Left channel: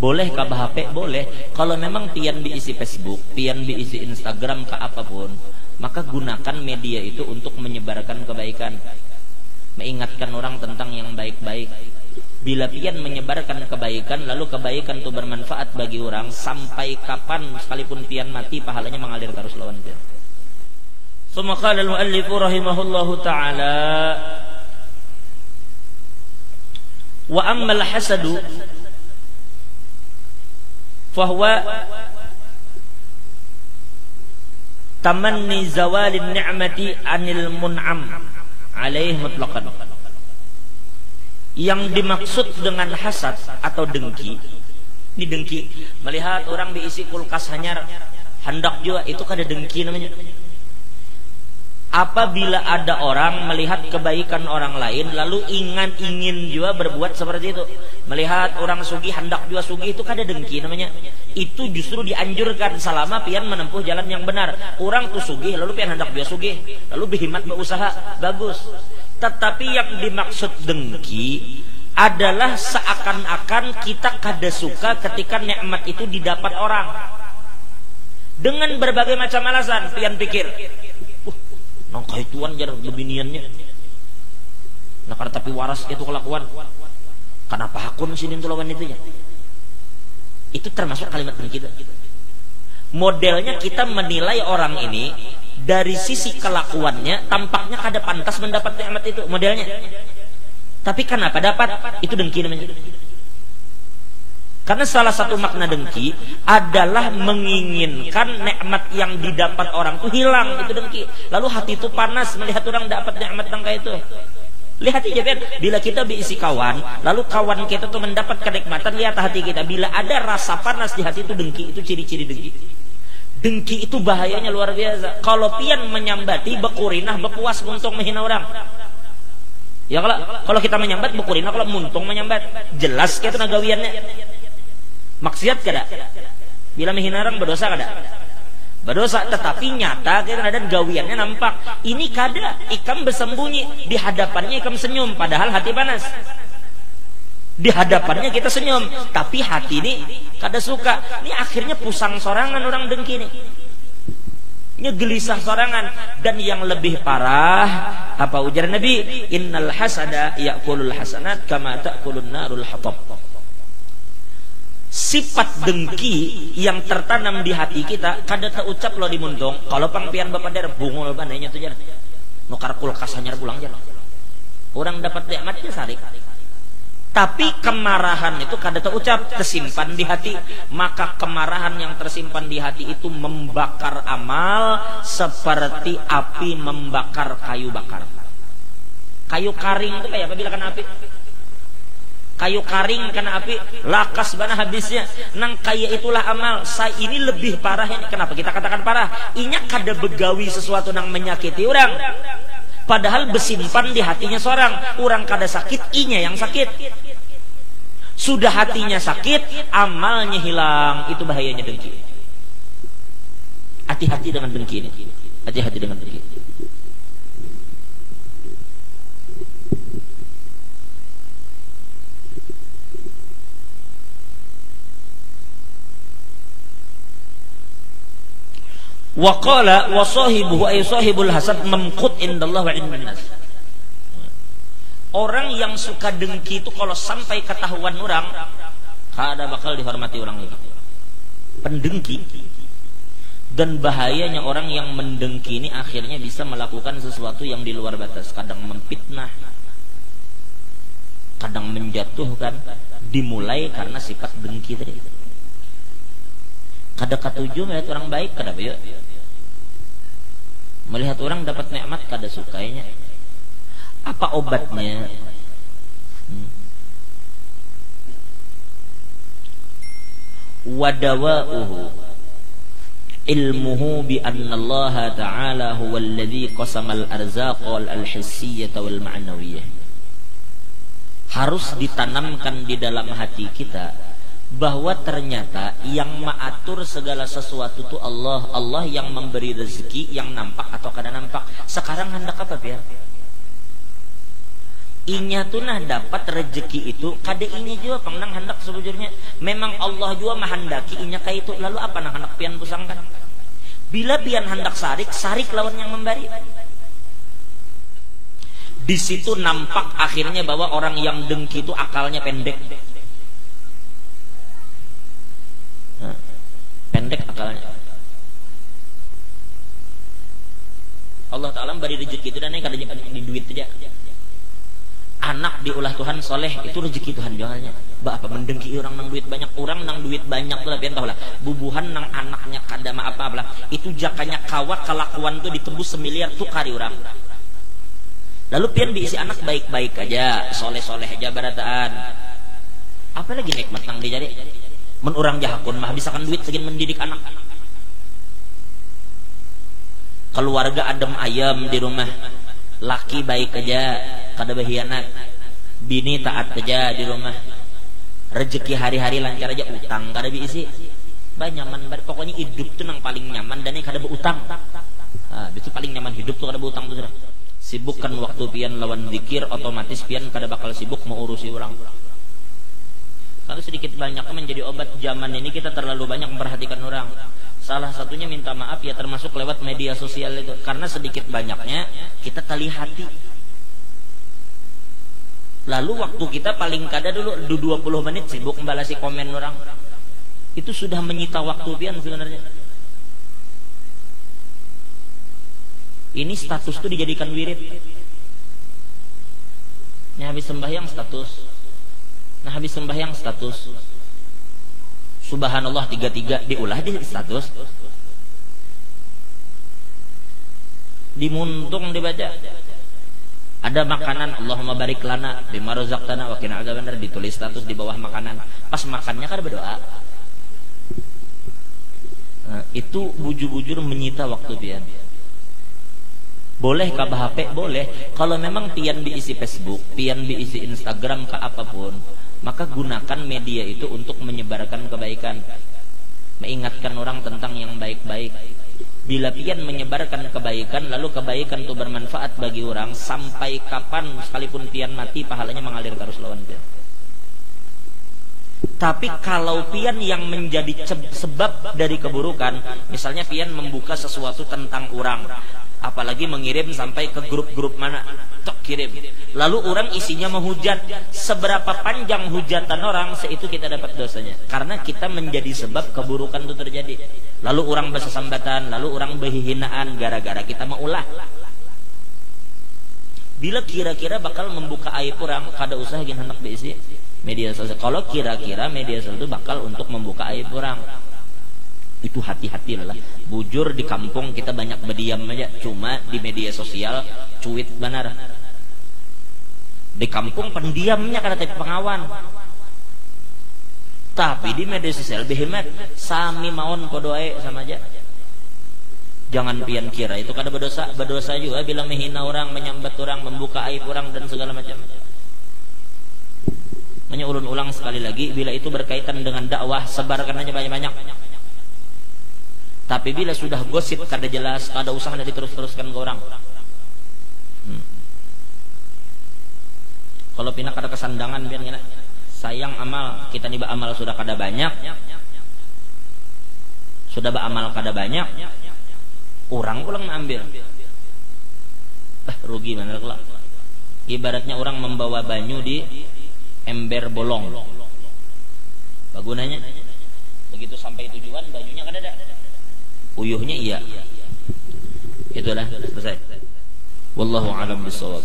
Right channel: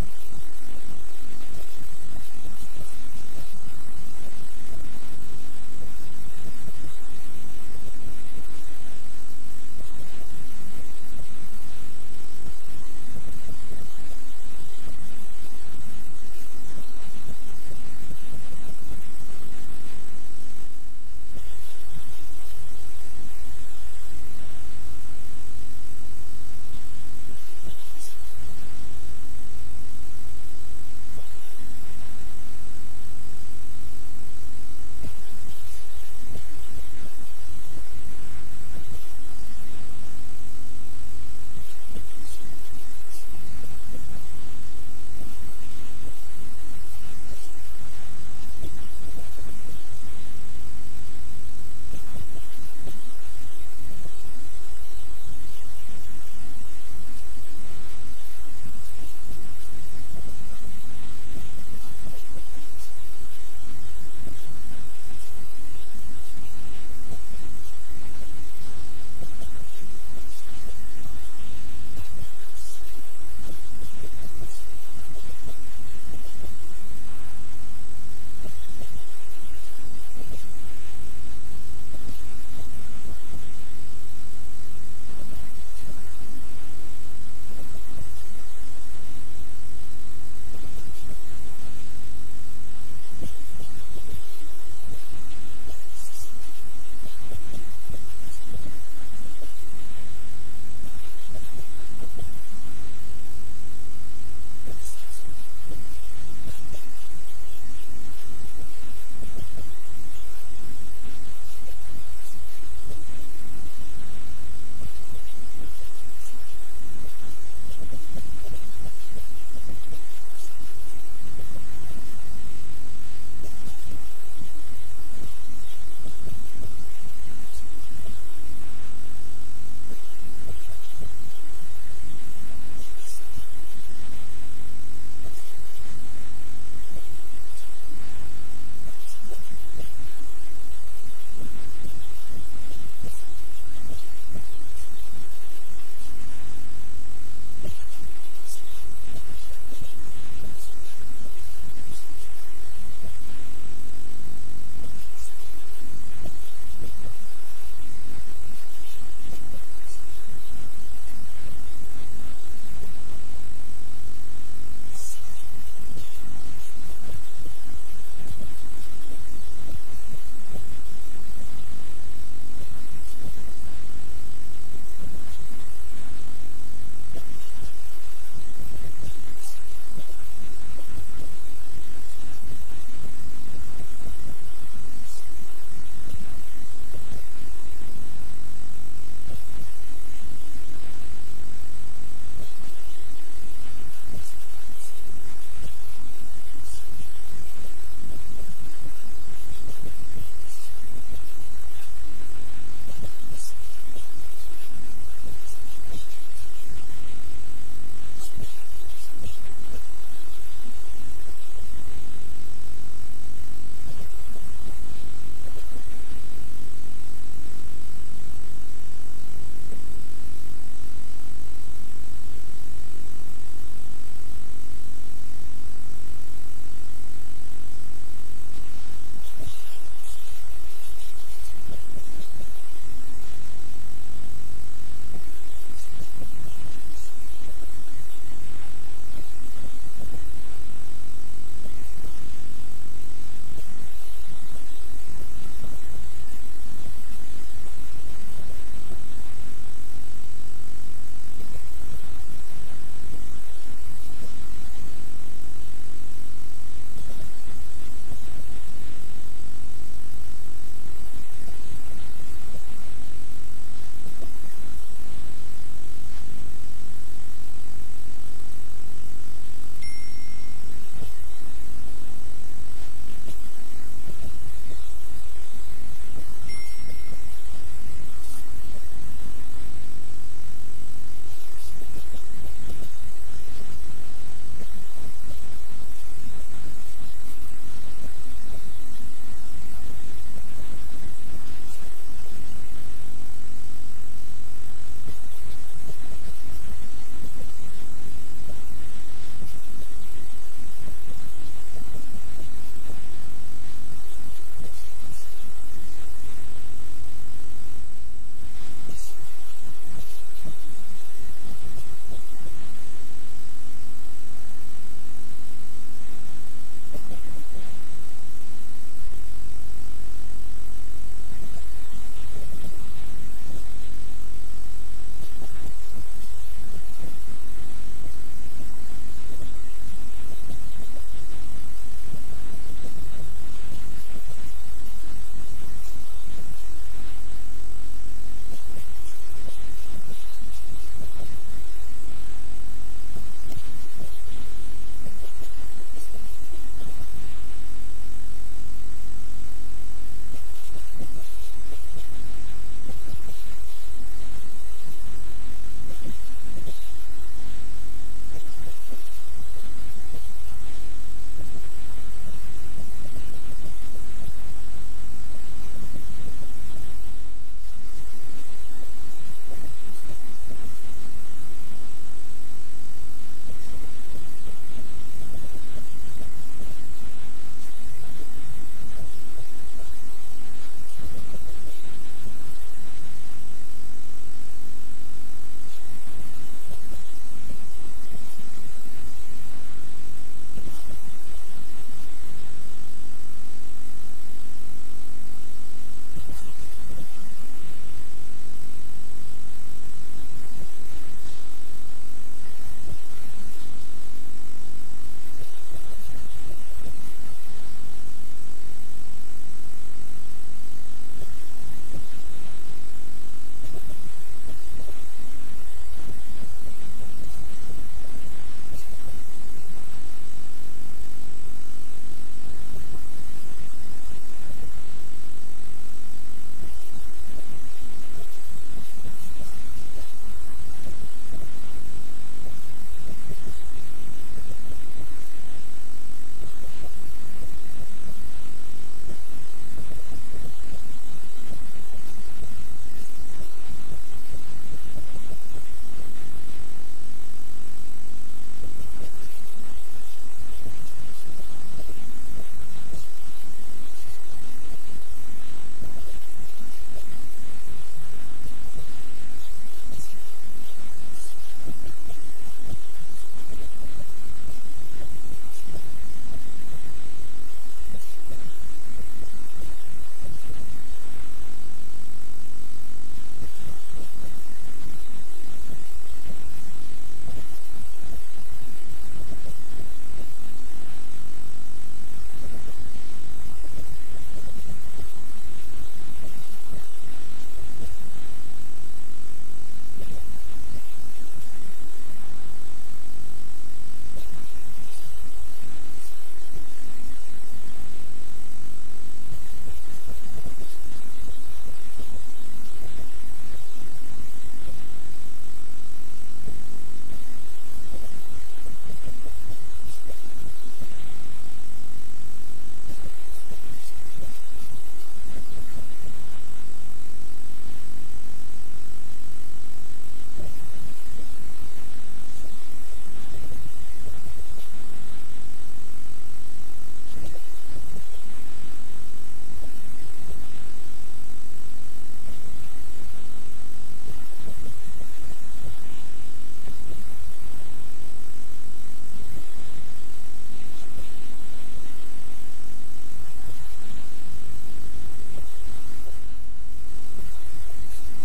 Boleh ke HP? Boleh. Kalau memang pian diisi Facebook, pian diisi Instagram ke apapun, maka gunakan media itu untuk menyebarkan kebaikan, mengingatkan orang tentang yang baik-baik. Bila pian menyebarkan kebaikan, lalu kebaikan itu bermanfaat bagi orang, sampai kapan sekalipun pian mati, pahalanya mengalir terus lawan dia. Summa qala al-muallif rahimahullahu ta'ala, wa amma al-hasadu fahuwa tamanni zawalin ni'mati anil mun'am alaih mutlaqan. Yang dimaksud dengan hasad atau dengki, ini dengki, melihat orang diisi kulkas hanyar, hendak juga, itu kada dengki namanya. Apabila ada orang melihat kebaikan orang lain lalu ingin juga berbuat seperti itu, melihat orang sugih hendak juga sugih, itu kada dengki namanya. Itu justru dianjurkan selama pian menempuh jalan yang benar. Orang tuh sugih lalu pian hendak juga sugih, lalu berhimmat berusaha, bagus. Tetapi yang dimaksud dengki adalah seakan-akan kita kada suka ketika nikmat itu didapat orang dengan berbagai macam alasan. Pian pikir, nang kaituan jar lebiniannya, nakar tapi waras itu kelakuan, kenapa hakun sini tuh lawan itu ya? Itu termasuk kalimat kita. Modelnya kita menilai orang ini dari sisi kelakuannya, tampaknya kada pantas mendapat nikmat itu, modelnya. Tapi kenapa dapat? Itu dengki namanya. Karena salah satu makna dengki adalah menginginkan nikmat yang didapat orang itu hilang, itu dengki. Lalu hati itu panas melihat orang dapat nikmat yang kayak itu. Lihat aja kan, bila kita diisi kawan, lalu kawan kita tuh mendapat kenikmatan, lihat hati kita. Bila ada rasa panas di hati itu dengki, itu ciri-ciri dengki. Dengki itu bahayanya luar biasa. Kalau pian menyambati, bekurinah, bepuas muntung menghina orang. Ya kalau kita menyambat bekurinah, kalau muntung menyambat, jelas kayak itu nagawiannya. Maksiat kada? Bila menghina orang berdosa kada? Berdosa, tetapi nyata kadang-kadang gawiannya nampak. Ini kada, ikam bersembunyi, di hadapannya ikam senyum, padahal hati panas. Di hadapannya kita senyum, tapi hati ini kada suka. Ini akhirnya pusang sorangan orang dengki nih. Ini gelisah sorangan. Dan yang lebih parah, apa ujar Nabi? Innal hasada ya'kulul hasanat kama ta'kulun narul hatab. Sifat dengki yang tertanam di hati kita kada terucap lo di muntung. Kalau pangpian bapak der bungul pandainya tu jar, nukar kulkas hanyar pulang jar. Orang dapat nikmatnya sarik. Tapi kemarahan itu kada terucap, tersimpan di hati. Maka kemarahan yang tersimpan di hati itu membakar amal seperti api membakar kayu bakar. Kayu karing itu kayak apa bila kena api? Kayu karing kena api, lakas bana habisnya. Nang kaya itulah amal. Saya ini lebih parah ini. Kenapa kita katakan parah? Inya kada begawi sesuatu nang menyakiti orang, padahal besimpan di hatinya seorang. Orang kada sakit, inya yang sakit. Sudah hatinya sakit, amalnya hilang. Itu bahayanya dengki. Hati-hati dengan dengki ini. Hati-hati dengan dengki. Wa qala wa sahibuhu ay sahibul hasad mamqut indallah wa indan nas. Orang yang suka dengki itu kalau sampai ketahuan orang, kada bakal dihormati orang itu. Pendengki. Dan bahayanya orang yang mendengki ini akhirnya bisa melakukan sesuatu yang di luar batas. Kadang memfitnah, kadang menjatuhkan, dimulai karena sifat dengki tadi. Kada katuju melihat orang baik, kada baik. Melihat orang dapat nikmat kada sukainya. Apa obatnya? Wadawa'uhu ilmuhu bi anna Allah ta'ala huwa alladhi qasama al-arzaq wal-hissiyyah wal-ma'nawiyyah. Harus ditanamkan di dalam hati kita bahwa ternyata yang mengatur segala sesuatu itu Allah. Allah yang memberi rezeki yang nampak atau kada nampak. Sekarang hendak apa biar? inya tuh nah dapat rezeki itu kada inya juga pengnang hendak sebujurnya memang Allah juga menghendaki inya kayak itu. Lalu apa nang hendak pian pusangkan? Bila pian hendak sarik lawan yang memberi. Di situ nampak akhirnya bahwa orang yang dengki itu akalnya pendek. Pendek akalnya. Allah Ta'ala beri rezeki itu dan kada di duit aja. Anak diulah Tuhan soleh itu rezeki Tuhan jualnya. Apa mendengki orang nang duit banyak, orang nang duit banyak tuh lah pian tahu lah. Bubuhan nang anaknya kada ma apa lah. Itu jakanya kawat kelakuan tuh ditembus 1 miliar tuh kari orang. Lalu pian diisi anak baik-baik aja, soleh-soleh aja barataan. Apalagi nikmat nang dijadi. Men urang jahakun mah habisakan duit segin mendidik anak. Keluarga adem ayam di rumah, laki baik aja, kada berkhianat, bini taat aja di rumah, rezeki hari-hari lancar aja, utang kada diisi, nyaman. Pokoknya hidup tuh nang paling nyaman dan ini kada berutang. Itu paling nyaman hidup tuh kada berutang tuh. Sibukkan waktu pian lawan zikir, otomatis pian kada bakal sibuk mau urusi orang. Lalu sedikit banyak menjadi obat zaman ini kita terlalu banyak memperhatikan orang. Salah satunya minta maaf ya termasuk lewat media sosial itu. Karena sedikit banyaknya kita tali hati. Lalu waktu kita paling kada dulu 20 menit sibuk membalasi komen orang. Itu sudah menyita waktu pian sebenarnya. Ini status tuh dijadikan wirid. Ini habis sembahyang status. Nah habis sembahyang status. Subhanallah 33 diulah di status. Dimuntung dibaca. Ada makanan Allahumma barik lana bima razaqtana wa qina adzabannar ditulis status di bawah makanan. Pas makannya kan berdoa. Nah, itu bujur-bujur menyita waktu pian. Boleh ke HP? Boleh. Kalau memang pian diisi Facebook, pian diisi Instagram ke apapun, maka gunakan media itu untuk menyebarkan kebaikan, mengingatkan orang tentang yang baik-baik. Bila pian menyebarkan kebaikan, lalu kebaikan itu bermanfaat bagi orang sampai kapan sekalipun pian mati pahalanya mengalir terus lawan pian. Tapi kalau pian yang menjadi sebab dari keburukan, misalnya pian membuka sesuatu tentang orang, apalagi mengirim sampai ke grup-grup mana, tok kirim. Lalu orang isinya menghujat. Seberapa panjang hujatan orang, seitu kita dapat dosanya. Karena kita menjadi sebab keburukan itu terjadi. Lalu orang bersesambatan, lalu orang berhinaan gara-gara kita mengulah. Bila kira-kira bakal membuka aib orang, kada usah gin hendak diisi media sosial. Kalau kira-kira media sosial itu bakal untuk membuka aib orang, itu hati-hati lah. Bujur di kampung kita banyak berdiam aja, cuma di media sosial cuit benar. Di kampung pendiamnya karena tapi pengawan. Tapi di media sosial behemat sami maon podoe sama aja. Jangan pian kira itu kada berdosa juga bila menghina orang, menyambat orang, membuka aib orang dan segala macam. Hanya ulun-ulang sekali lagi, bila itu berkaitan dengan dakwah, sebarkan aja banyak-banyak. Tapi bila sudah gosip kada jelas, kada usah nanti terus-teruskan ke orang. Kalau pinak ada kesandangan biar gini, sayang amal kita nih amal sudah kada banyak, sudah beramal kada banyak, orang pulang ambil, rugi mana kelak. Ibaratnya orang membawa banyu di ember bolong, bagunanya begitu sampai tujuan bajunya kada ada, uyuhnya iya, itulah selesai. Wallahu a'lam bishawab.